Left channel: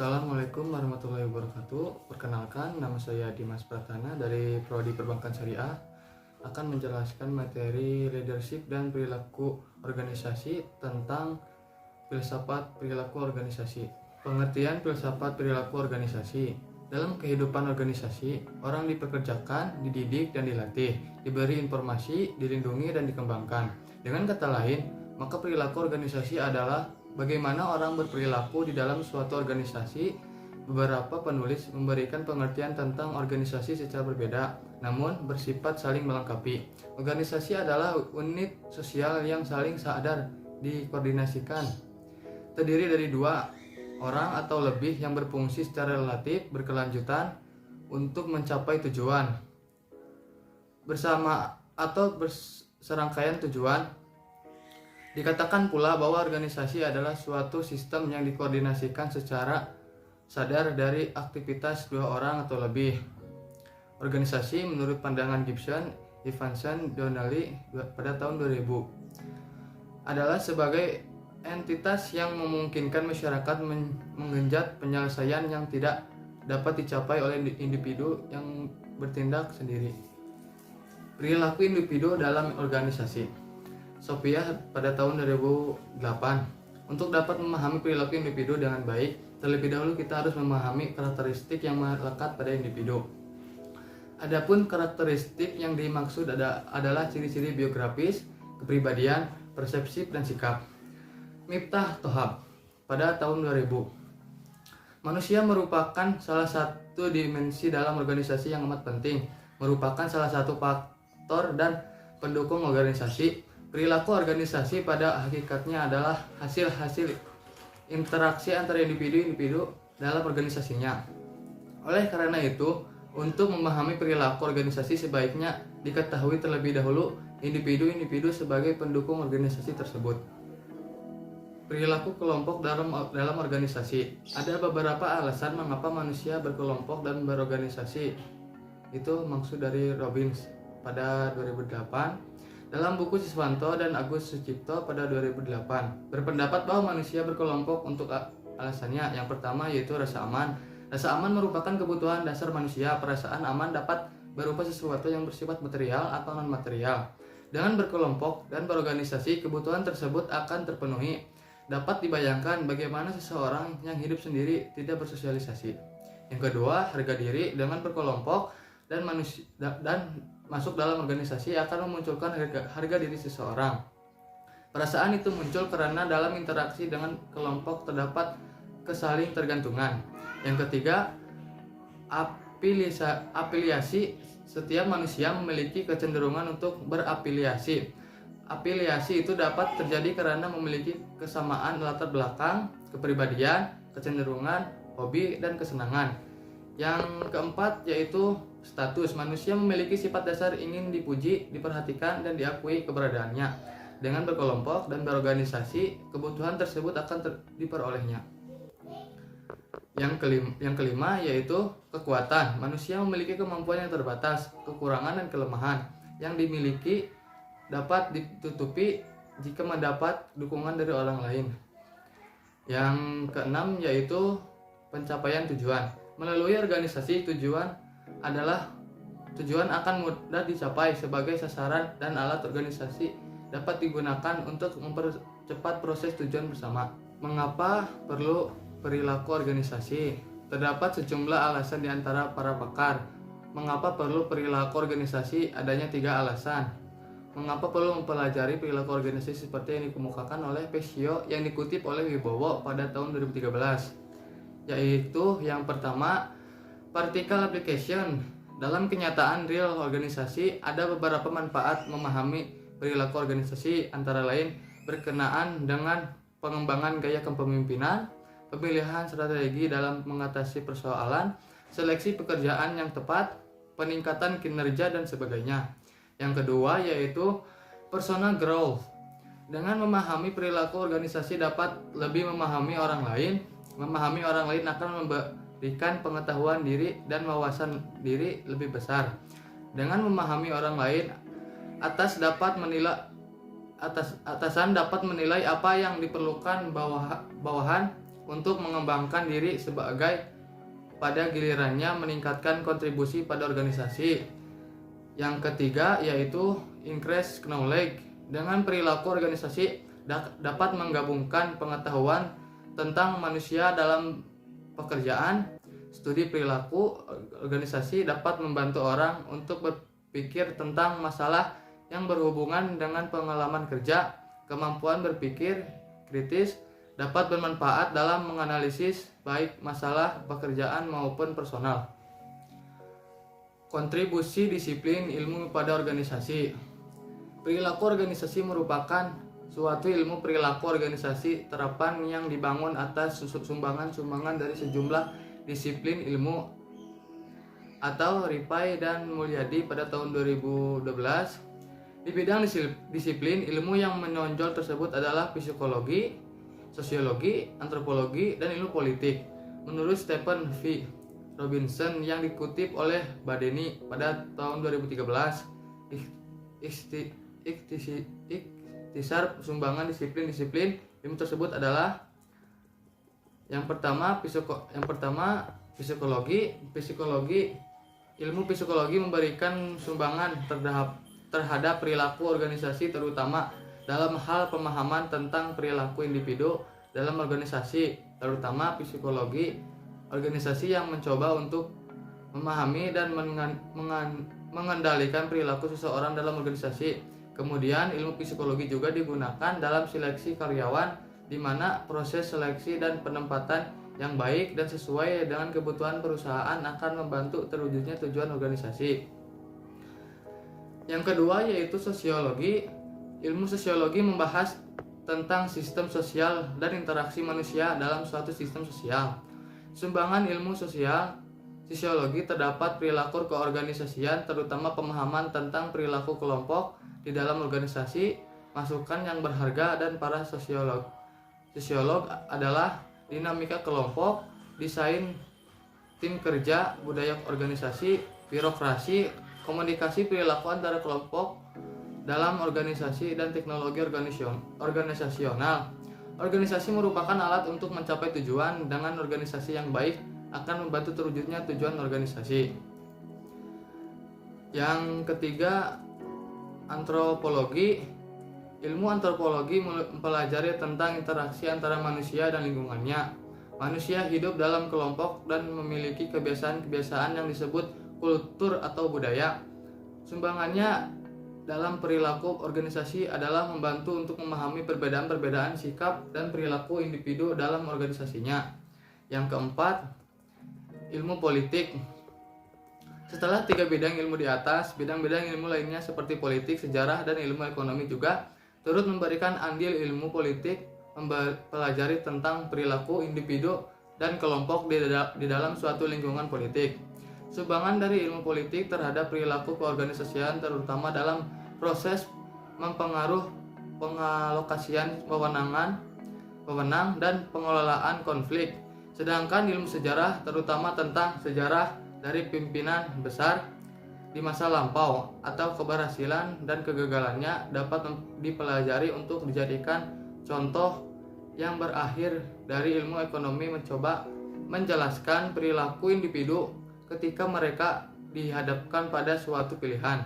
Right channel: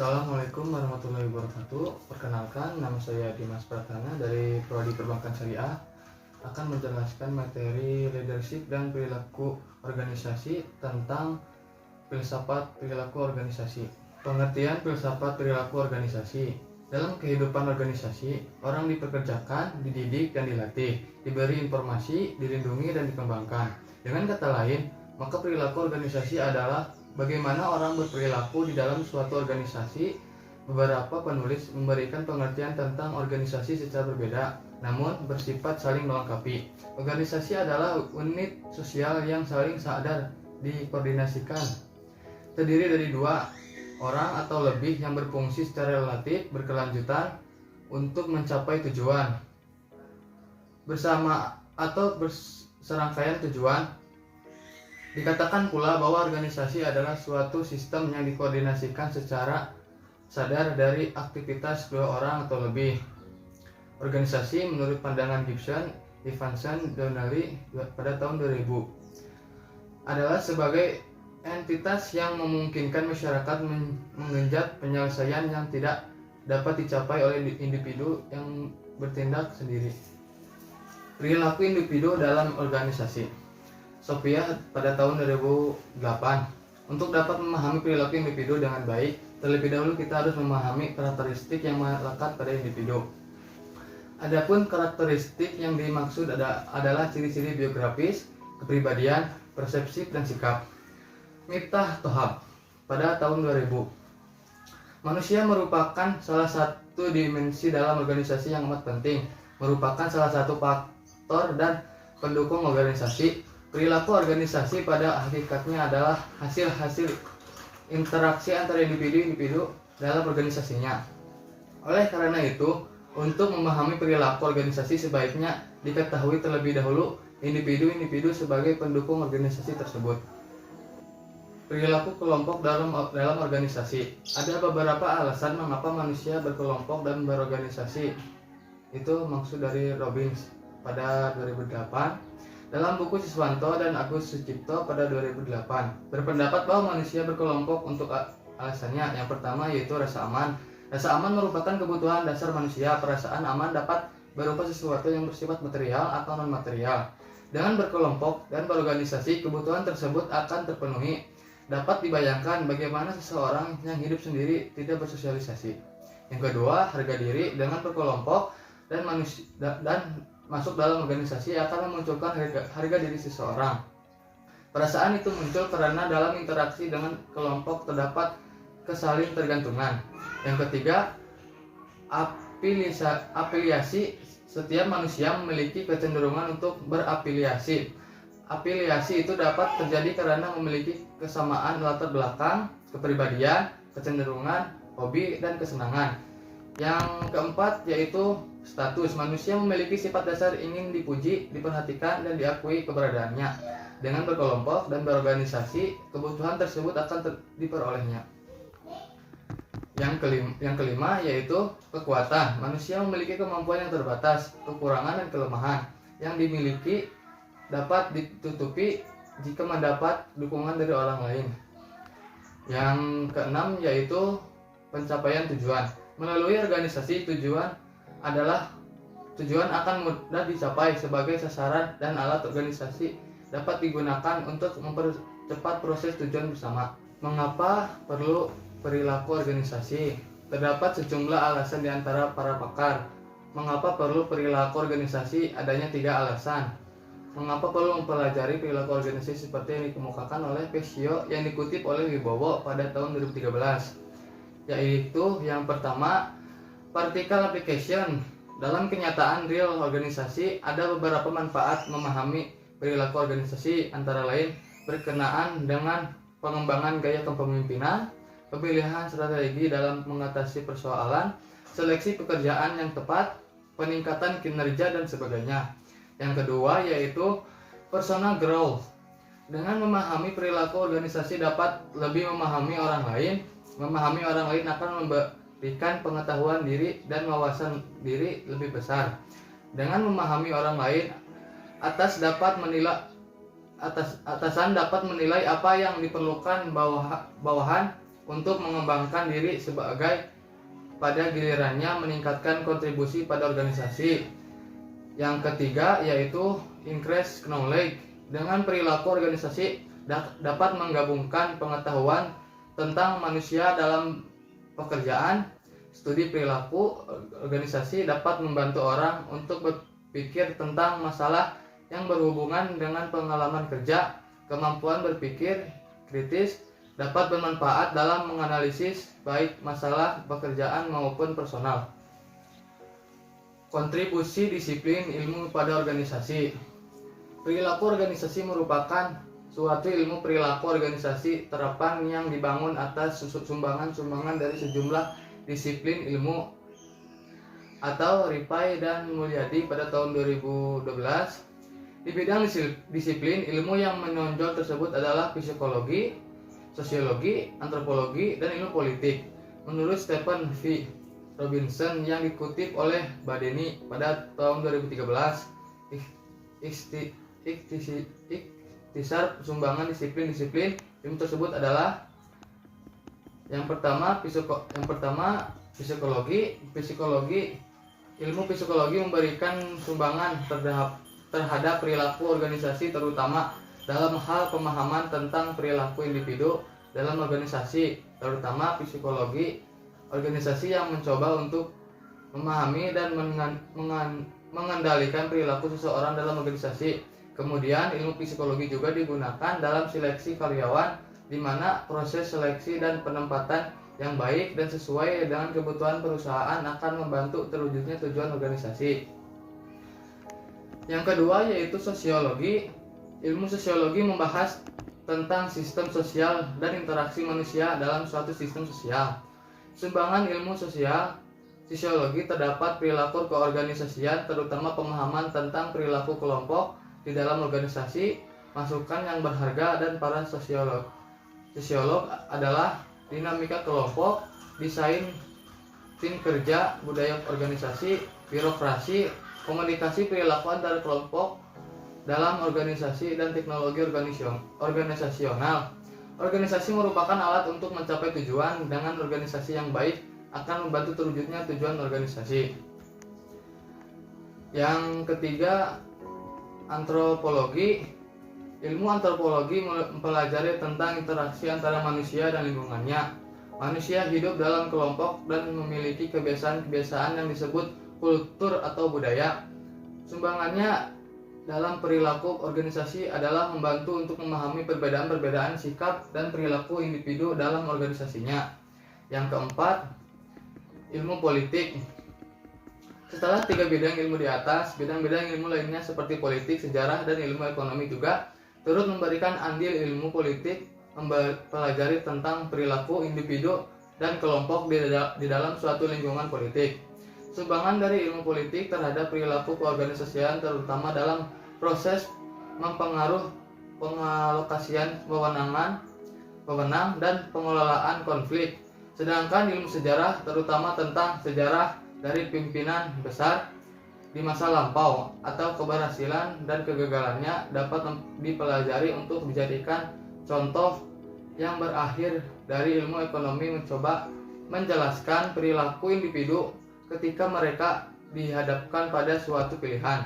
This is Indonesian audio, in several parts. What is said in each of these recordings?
Assalamualaikum warahmatullahi wabarakatuh. Perkenalkan, nama saya Dimas Pratana dari Prodi Perbankan Syariah, akan menjelaskan materi leadership dan perilaku organisasi tentang filsafat perilaku organisasi. Pengertian filsafat perilaku organisasi. Dalam kehidupan organisasi, orang dipekerjakan, dididik dan dilatih, diberi informasi, dilindungi dan dikembangkan. Dengan kata lain, maka perilaku organisasi adalah bagaimana orang berperilaku di dalam suatu organisasi. Beberapa penulis memberikan pengertian tentang organisasi secara berbeda, namun bersifat saling melengkapi. Organisasi adalah unit sosial yang saling sadar dikoordinasikan, terdiri dari dua orang atau lebih yang berfungsi secara relatif berkelanjutan untuk mencapai tujuan bersama atau berserangkaian tujuan. Dikatakan pula bahwa organisasi adalah suatu sistem yang dikoordinasikan secara sadar dari aktivitas dua orang atau lebih. Organisasi menurut pandangan Gibson, Evanson, Donnelly pada tahun 2000 adalah sebagai entitas yang memungkinkan masyarakat mengenjot penyelesaian yang tidak dapat dicapai oleh individu yang bertindak sendiri. Perilaku individu dalam organisasi. Sophia pada tahun 2008. Untuk dapat memahami perilaku individu dengan baik, terlebih dahulu kita harus memahami karakteristik yang melekat pada individu. Adapun karakteristik yang dimaksud adalah ciri-ciri biografis, kepribadian, persepsi, dan sikap. Miftah Thohab pada tahun 2000. Manusia merupakan salah satu dimensi dalam organisasi yang amat penting, merupakan salah satu faktor dan pendukung organisasi. Perilaku organisasi pada hakikatnya adalah hasil-hasil interaksi antara individu-individu dalam organisasinya. Oleh karena itu, untuk memahami perilaku organisasi sebaiknya diketahui terlebih dahulu individu-individu sebagai pendukung organisasi tersebut. Perilaku kelompok dalam organisasi. Ada beberapa alasan mengapa manusia berkelompok dan berorganisasi. Itu maksud dari Robbins pada 2008. Dalam buku Siswanto dan Agus Sucipto pada 2008 berpendapat bahwa manusia berkelompok untuk alasannya. Yang pertama yaitu rasa aman. Rasa aman merupakan kebutuhan dasar manusia. Perasaan aman dapat berupa sesuatu yang bersifat material atau non material. Dengan berkelompok dan berorganisasi, kebutuhan tersebut akan terpenuhi. Dapat dibayangkan bagaimana seseorang yang hidup sendiri tidak bersosialisasi. Yang kedua, harga diri. Dengan berkelompok dan masuk dalam organisasi akan memunculkan harga diri seseorang. Perasaan itu muncul karena dalam interaksi dengan kelompok terdapat kesaling tergantungan. Yang ketiga, afiliasi. Setiap manusia memiliki kecenderungan untuk berafiliasi. Afiliasi itu dapat terjadi karena memiliki kesamaan latar belakang, kepribadian, kecenderungan, hobi, dan kesenangan. Yang keempat yaitu status. Manusia memiliki sifat dasar ingin dipuji, diperhatikan, dan diakui keberadaannya. Dengan berkelompok dan berorganisasi, kebutuhan tersebut akan diperolehnya. Yang kelima yaitu kekuatan. Manusia memiliki kemampuan yang terbatas, kekurangan dan kelemahan yang dimiliki dapat ditutupi jika mendapat dukungan dari orang lain. Yang keenam yaitu pencapaian tujuan. Melalui organisasi, tujuan akan mudah dicapai. Sebagai sasaran dan alat, organisasi dapat digunakan untuk mempercepat proses tujuan bersama. Mengapa perlu perilaku organisasi? Terdapat sejumlah alasan di antara para pakar. Mengapa perlu perilaku organisasi? Adanya 3 alasan. Mengapa perlu mempelajari perilaku organisasi seperti yang dikemukakan oleh Pesio yang dikutip oleh Wibowo pada tahun 2013? Yaitu yang pertama, practical application. Dalam kenyataan real organisasi, ada beberapa manfaat memahami perilaku organisasi, antara lain berkenaan dengan pengembangan gaya kepemimpinan, pemilihan strategi dalam mengatasi persoalan, seleksi pekerjaan yang tepat, peningkatan kinerja, dan sebagainya. Yang kedua yaitu personal growth. Dengan memahami perilaku organisasi dapat lebih memahami orang lain. Memahami orang lain akan memberikan pengetahuan diri dan wawasan diri lebih besar. Dengan memahami orang lain, atasan dapat menilai apa yang diperlukan bawahan untuk mengembangkan diri sebagai pada gilirannya meningkatkan kontribusi pada organisasi. Yang ketiga yaitu increase knowledge. Dengan perilaku organisasi dapat menggabungkan pengetahuan tentang manusia dalam pekerjaan. Studi perilaku organisasi dapat membantu orang untuk berpikir tentang masalah yang berhubungan dengan pengalaman kerja. Kemampuan berpikir kritis dapat bermanfaat dalam menganalisis baik masalah pekerjaan maupun personal. Kontribusi disiplin ilmu pada organisasi. Perilaku organisasi merupakan suatu ilmu perilaku organisasi terapan yang dibangun atas sumbangan-sumbangan dari sejumlah disiplin ilmu atau Ripai dan Mulyadi pada tahun 2012. Di bidang disiplin ilmu yang menonjol tersebut adalah psikologi, sosiologi, antropologi, dan ilmu politik. Menurut Stephen V. Robinson yang dikutip oleh Badeni pada tahun 2013, ikhtisar sumbangan disiplin-disiplin ilmu tersebut adalah yang pertama psikologi. Ilmu psikologi memberikan sumbangan terhadap perilaku organisasi, terutama dalam hal pemahaman tentang perilaku individu dalam organisasi, terutama psikologi organisasi yang mencoba untuk memahami dan mengendalikan perilaku seseorang dalam organisasi. Kemudian ilmu psikologi juga digunakan dalam seleksi karyawan, di mana proses seleksi dan penempatan yang baik dan sesuai dengan kebutuhan perusahaan akan membantu terwujudnya tujuan organisasi. Yang kedua yaitu sosiologi. Ilmu sosiologi membahas tentang sistem sosial dan interaksi manusia dalam suatu sistem sosial. Sumbangan ilmu sosiologi terdapat perilaku keorganisasian, terutama pemahaman tentang perilaku kelompok di dalam organisasi. Masukan yang berharga dan para sosiolog adalah dinamika kelompok, desain tim kerja, budaya organisasi, birokrasi, komunikasi perilaku antara kelompok dalam organisasi, dan teknologi organisasional. Organisasi merupakan alat untuk mencapai tujuan. Dengan organisasi yang baik akan membantu terwujudnya tujuan organisasi. Yang ketiga, antropologi. Ilmu antropologi mempelajari tentang interaksi antara manusia dan lingkungannya. Manusia hidup dalam kelompok dan memiliki kebiasaan-kebiasaan yang disebut kultur atau budaya. Sumbangannya dalam perilaku organisasi adalah membantu untuk memahami perbedaan-perbedaan sikap dan perilaku individu dalam organisasinya. Yang keempat, ilmu politik. Setelah 3 bidang ilmu di atas, bidang-bidang ilmu lainnya seperti politik, sejarah, dan ilmu ekonomi juga turut memberikan andil. Ilmu politik mempelajari tentang perilaku individu dan kelompok di dalam suatu lingkungan politik. Sumbangan dari ilmu politik terhadap perilaku keorganisasian terutama dalam proses pengalokasian wewenang dan pengelolaan konflik. Sedangkan ilmu sejarah terutama tentang sejarah dari pimpinan besar di masa lampau atau keberhasilan dan kegagalannya dapat dipelajari untuk dijadikan contoh. Yang berakhir dari ilmu ekonomi mencoba menjelaskan perilaku individu ketika mereka dihadapkan pada suatu pilihan.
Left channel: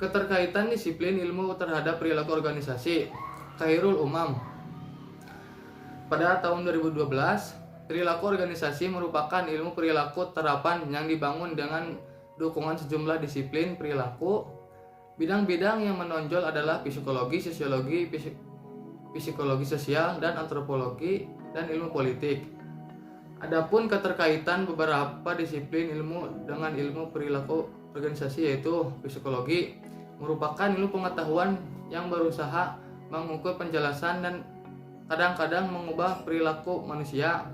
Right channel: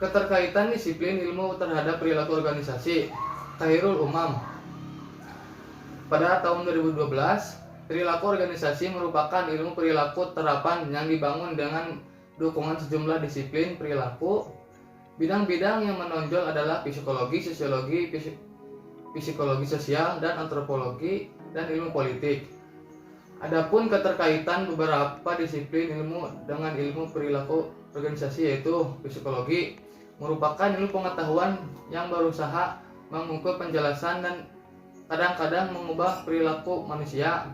Keterkaitan disiplin ilmu terhadap perilaku organisasi. Khairul Umam. Pada tahun 2012, perilaku organisasi merupakan ilmu perilaku terapan yang dibangun dengan dukungan sejumlah disiplin perilaku. Bidang-bidang yang menonjol adalah psikologi, sosiologi, psikologi sosial, dan antropologi, dan ilmu politik. Adapun keterkaitan beberapa disiplin ilmu dengan ilmu perilaku organisasi yaitu psikologi merupakan ilmu pengetahuan yang berusaha mengukur penjelasan dan kadang-kadang mengubah perilaku manusia.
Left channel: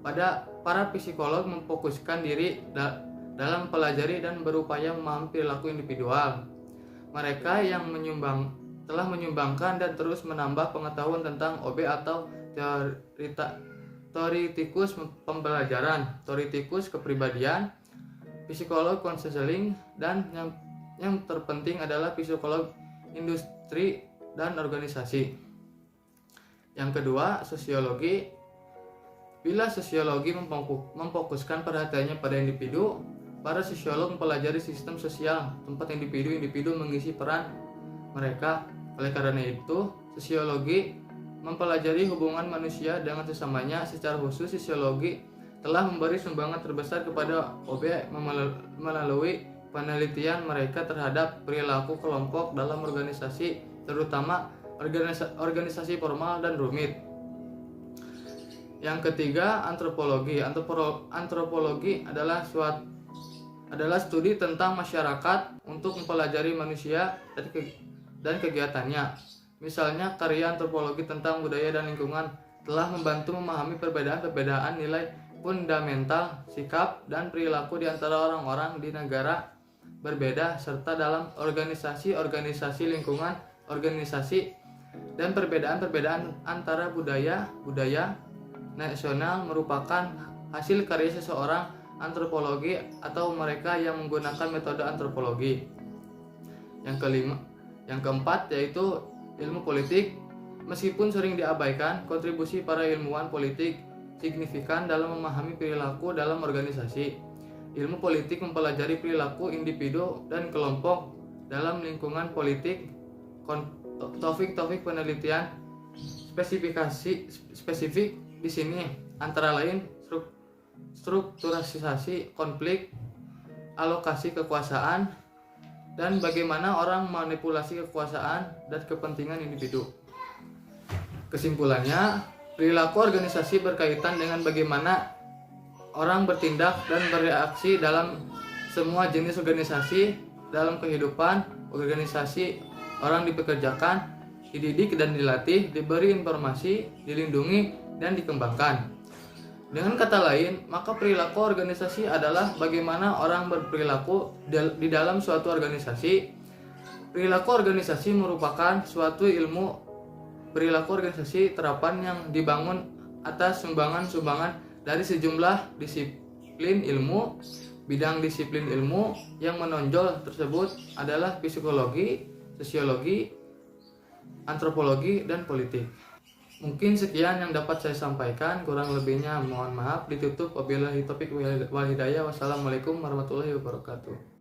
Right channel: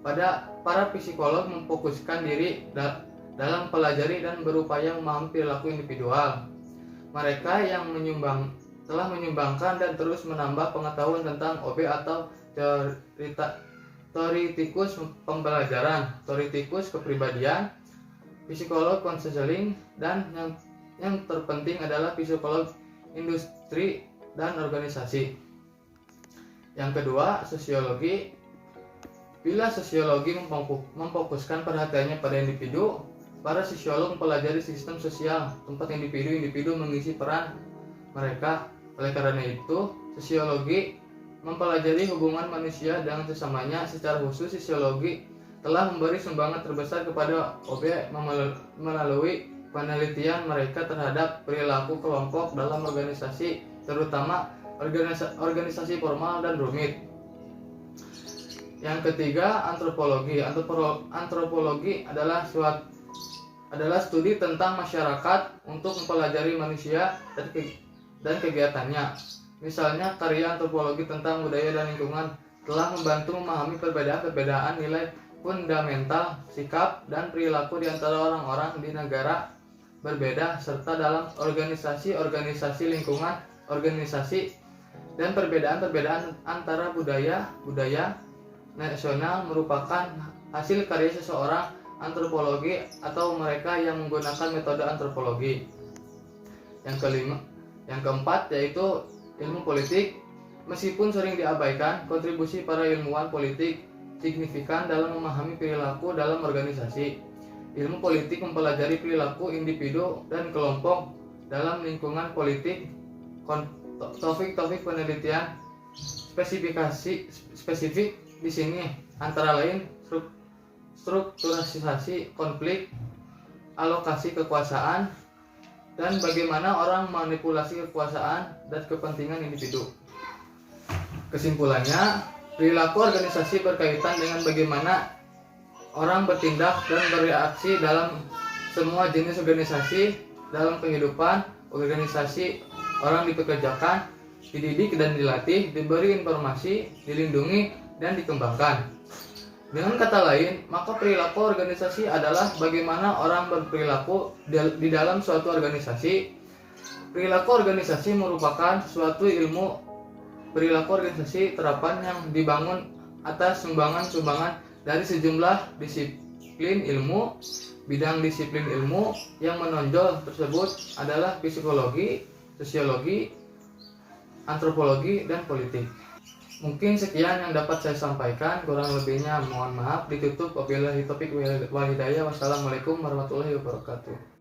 Para psikolog memfokuskan diri dalam pelajari dan berupaya memahami perilaku individual. Mereka yang telah menyumbangkan dan terus menambah pengetahuan tentang OB atau teoritikus pembelajaran, teoritikus kepribadian, psikolog konseling, dan yang terpenting adalah psikolog industri dan organisasi. Yang kedua, sosiologi. Bila sosiologi memfokuskan perhatiannya pada individu, para sosiolog mempelajari sistem sosial tempat individu mengisi peran mereka. Oleh karena itu, sosiologi mempelajari hubungan manusia dengan sesamanya. Secara khusus, sosiologi telah memberi sumbangan terbesar kepada OB melalui penelitian mereka terhadap perilaku kelompok dalam organisasi, terutama organisasi formal dan rumit. Yang ketiga, antropologi. Antropologi adalah studi tentang masyarakat untuk mempelajari manusia dan kegiatannya. Misalnya, karya antropologi tentang budaya dan lingkungan telah membantu memahami perbedaan-perbedaan nilai fundamental, sikap, dan perilaku di antara orang-orang di negara berbeda, serta dalam organisasi lingkungan, organisasi, dan perbedaan-perbedaan antara budaya nasional merupakan hasil karya seseorang antropologi atau mereka yang menggunakan metode antropologi. Yang keempat yaitu ilmu politik. Meskipun sering diabaikan, kontribusi para ilmuwan politik signifikan dalam memahami perilaku dalam organisasi. Ilmu politik mempelajari perilaku individu dan kelompok dalam lingkungan politik. Topik-topik penelitian spesifik di sini antara lain strukturasi konflik, alokasi kekuasaan, dan bagaimana orang memanipulasi kekuasaan dan kepentingan individu. Kesimpulannya, perilaku organisasi berkaitan dengan bagaimana orang bertindak dan bereaksi dalam semua jenis organisasi. Dalam kehidupan organisasi, orang dipekerjakan, dididik dan dilatih, diberi informasi, dilindungi, dan dikembangkan. Dengan kata lain, maka perilaku organisasi adalah bagaimana orang berperilaku di dalam suatu organisasi. Perilaku organisasi merupakan suatu ilmu perilaku organisasi terapan yang dibangun atas sumbangan-sumbangan dari sejumlah disiplin ilmu. Bidang disiplin ilmu yang menonjol tersebut adalah psikologi, sosiologi, antropologi, dan politik. Mungkin sekian yang dapat saya sampaikan, kurang lebihnya mohon maaf. Ditutup wabillahi taufiq wal hidayah. Wassalamualaikum warahmatullahi wabarakatuh.